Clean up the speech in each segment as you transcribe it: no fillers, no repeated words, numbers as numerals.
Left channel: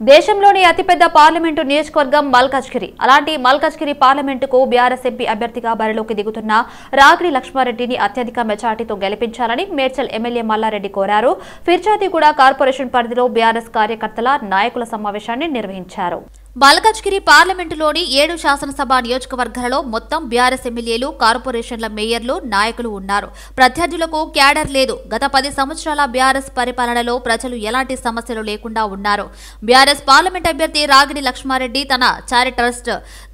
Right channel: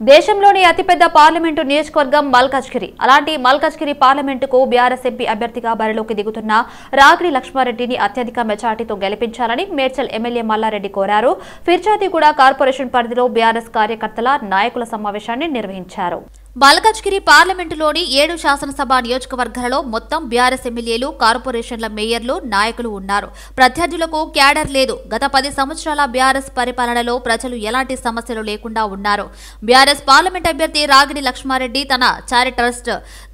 దేశంలోని అతిపెద్ద పార్లమెంటు నియోజకవర్గం మల్కాజ్గిరి. అలాంటి మల్కాజ్గిరి పార్లమెంటుకు బీఆర్ఎస్ ఎంపీ అభ్యర్థిగా బరిలోకి దిగుతున్న రాగిడి లక్ష్మారెడ్డిని అత్యధిక మెజార్టీతో గెలిపించాలని మేడ్చల్ ఎమ్మెల్యే మల్లారెడ్డి కోరారు. ఫిర్జాదిగూడ కార్పొరేషన్ పరిధిలో బీఆర్ఎస్ కార్యకర్తల నాయకుల సమావేశాన్ని నిర్వహించారు. మల్కాజ్గిరి పార్లమెంటులోని 7 శాసనసభ నియోజకవర్గాలలో మొత్తం బీఆర్ఎస్ ఎమ్మెల్యేలు, కార్పొరేషన్ల మేయర్లు, నాయకులు ఉన్నారు. ప్రత్యర్థులకు క్యాడర్ లేదు. గత 10 సంవత్సరాల బీఆర్ఎస్ పరిపాలనలో ప్రజలు ఎలాంటి సమస్యలు లేకుండా ఉన్నారు. బీఆర్ఎస్ పార్లమెంట్ అభ్యర్థి రాగిడి లక్ష్మారెడ్డి తన చారిటీ ట్రస్ట్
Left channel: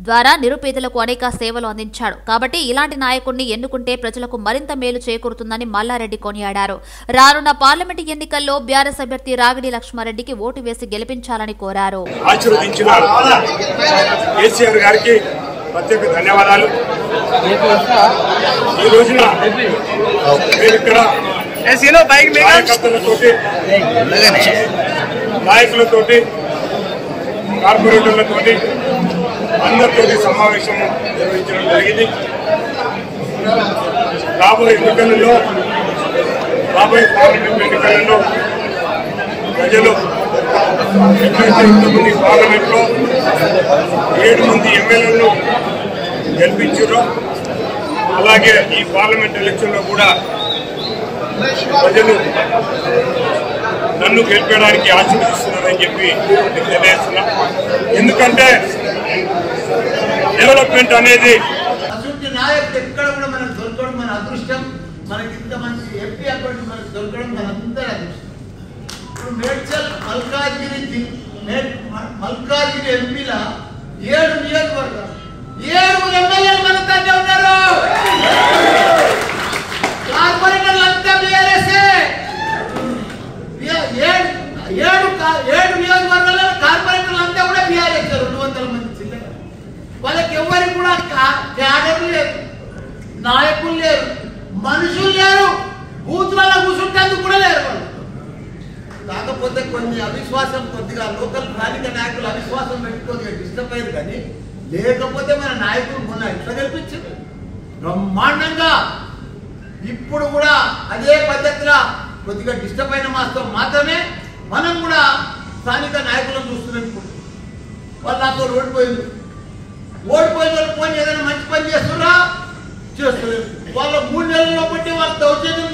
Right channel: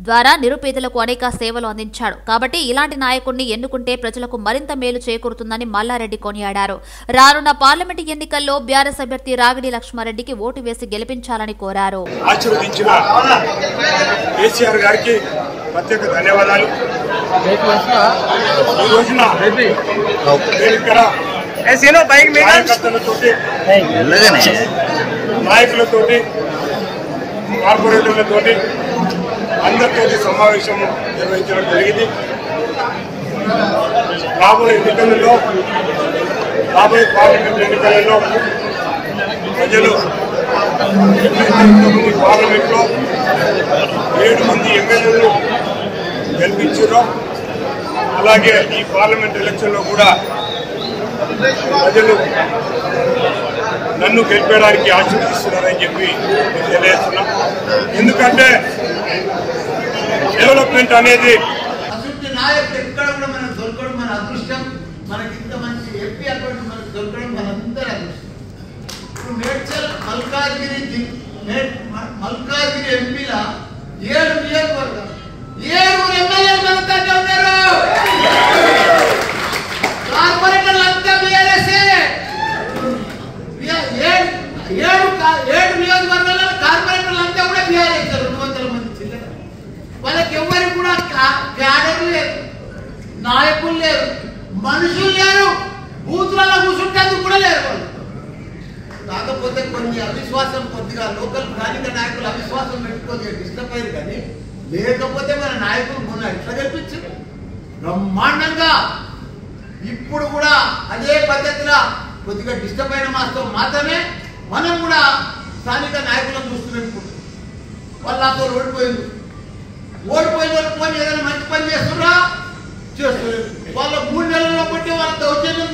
ద్వారా నిరుపేదలకు అనేక సేవలు అందించాడు. కాబట్టి ఇలాంటి నాయకుడిని ఎన్నుకుంటే ప్రజలకు మరింత మేలు చేకూరుతుందని మల్లారెడ్డి కొనియాడారు. రానున్న పార్లమెంటు ఎన్నికల్లో బీఆర్ఎస్ అభ్యర్థి రాగిడి లక్ష్మారెడ్డికి ఓటు వేసి గెలిపించాలని కోరారు. కేసీఆర్ గారికి ప్రత్యేక ధన్యవాదాలు. ఈ రోజున నేను ఇక్కడ కార్యకర్తలతోటి, నాయకులతోటి, కార్పొరేటర్లతోటి అందరితోటి సమావేశము నిర్వహించడం జరిగింది. రాబోయే పార్లమెంట్ ఎన్నికలలో ప్రజలు ఎట్లయితే ఇంతమంది పార్లమెంట్ లో 7 మంది ఎమ్మెల్యేలను గెలిపించారో అలాగే ఈ పార్లమెంట్ ఎలక్షన్ లో కూడా ప్రజలు నన్ను గెలిపేయడానికి ఆశీర్వదిస్తున్నారని చెప్పి తెలియజేస్తున్నా. ఎందుకంటే డెవలప్మెంట్ అనేది నాయకుడు ఎక్కడ కూడా మనకు దొరకడం మన అదృష్టం. మనకి ఇంత మంచి ఎంపీ అకౌంట్ మనకు దొరకడం మనందరి అదృష్టం. మేడ్చల్ మల్కాజ్గిరి ఎంపీల 7 నియోజకవర్గాలు 7 ఎమ్మెల్యేలు మన దగ్గర ఉన్నారు. కార్పొరేటర్లు అంతా బీఆర్ఎస్ఏ. 7 నియోజకవర్గాల్లో కార్పొరేటర్లు అంతా కూడా బీఆర్ఎస్. 200 మంది చిల్లర. వాళ్ళకి ఎవరికి కూడా క్యాడర్లు లేరు, నాయకులు లేరు, మనుషులు లేరు, బూత్లలో కూర్చుంటేందుకు కూడా లేరు వాళ్ళు. కాకపోతే కొన్ని అవిశ్వాసం, కొద్దిగా లోకల్ స్థానిక నాయకులు అవిశ్వాసం పెట్టుకొని డిస్టర్బ్ అయ్యారు. కానీ లేకపోతే మన నాయకులు మొన్న ఎట్లా గెలిపించారు బ్రహ్మాండంగా. ఇప్పుడు కూడా అదే పద్ధతిలో కొద్దిగా డిస్టర్బ్ అయిన మాత్రమే మనం కూడా స్థానిక నాయకులను చూస్తున్నాం. వాళ్ళు నాతో ఓడిపోయిన వాళ్ళు ఏదైనా మంచి పని చేస్తున్నారా చేస్తలేదు. వాళ్ళ 3 నెలల్లో బట్టి వాళ్ళ దౌర్జన్యం